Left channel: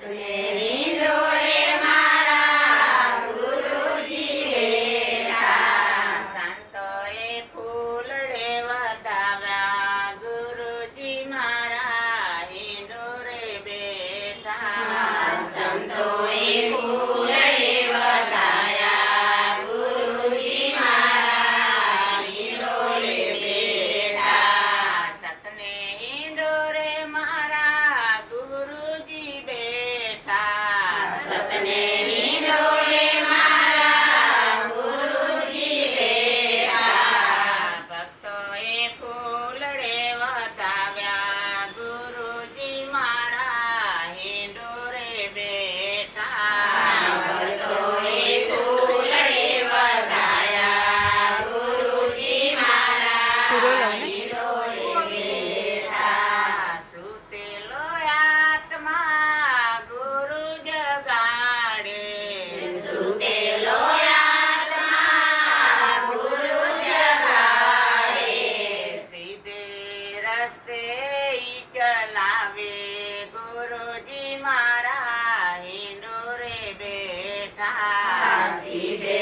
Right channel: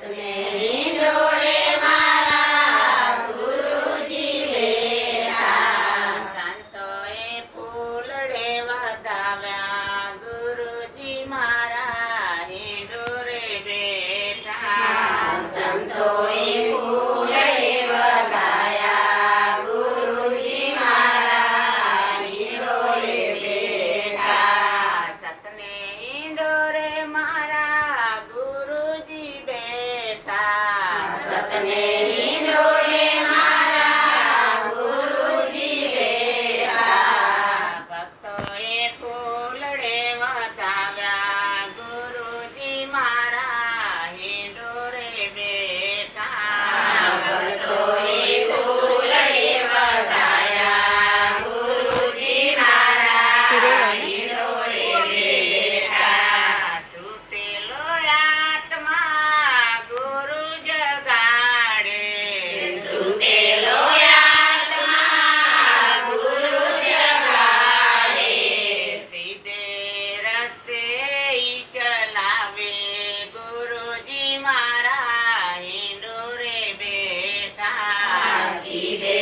સતને હિંડોળે મારા ગુરુજી બેઠા. સંતોએ ફૂલડે વધાવ્યા ગુરુજી મારા હિંડોળે બેઠા. સંતોએ ફૂલડે વધાયા ગુરુજી મારા હિંડોળે બેઠા. સતને હિંડોળે મારા ગુરુજી બેઠા. સતને હિંડોળે મારા ગુરુજી બેઠા. ભક્તોએ ફૂલડે વધાવ્યા ગુરુજી મારા હિંડોળે બેઠા. ભક્તોએ ફૂલડે વધાયા ગુરુજી મારા હિંડોળે બેઠા. સુતેલો આત્મા ગુરુ જગાડે. સુતેલો આત્મા ગુરુ જગાડે. સીધે રસ્તે ઈ ચલાવે ગુરુજી મારા હિંડોળે બેઠા. સીધે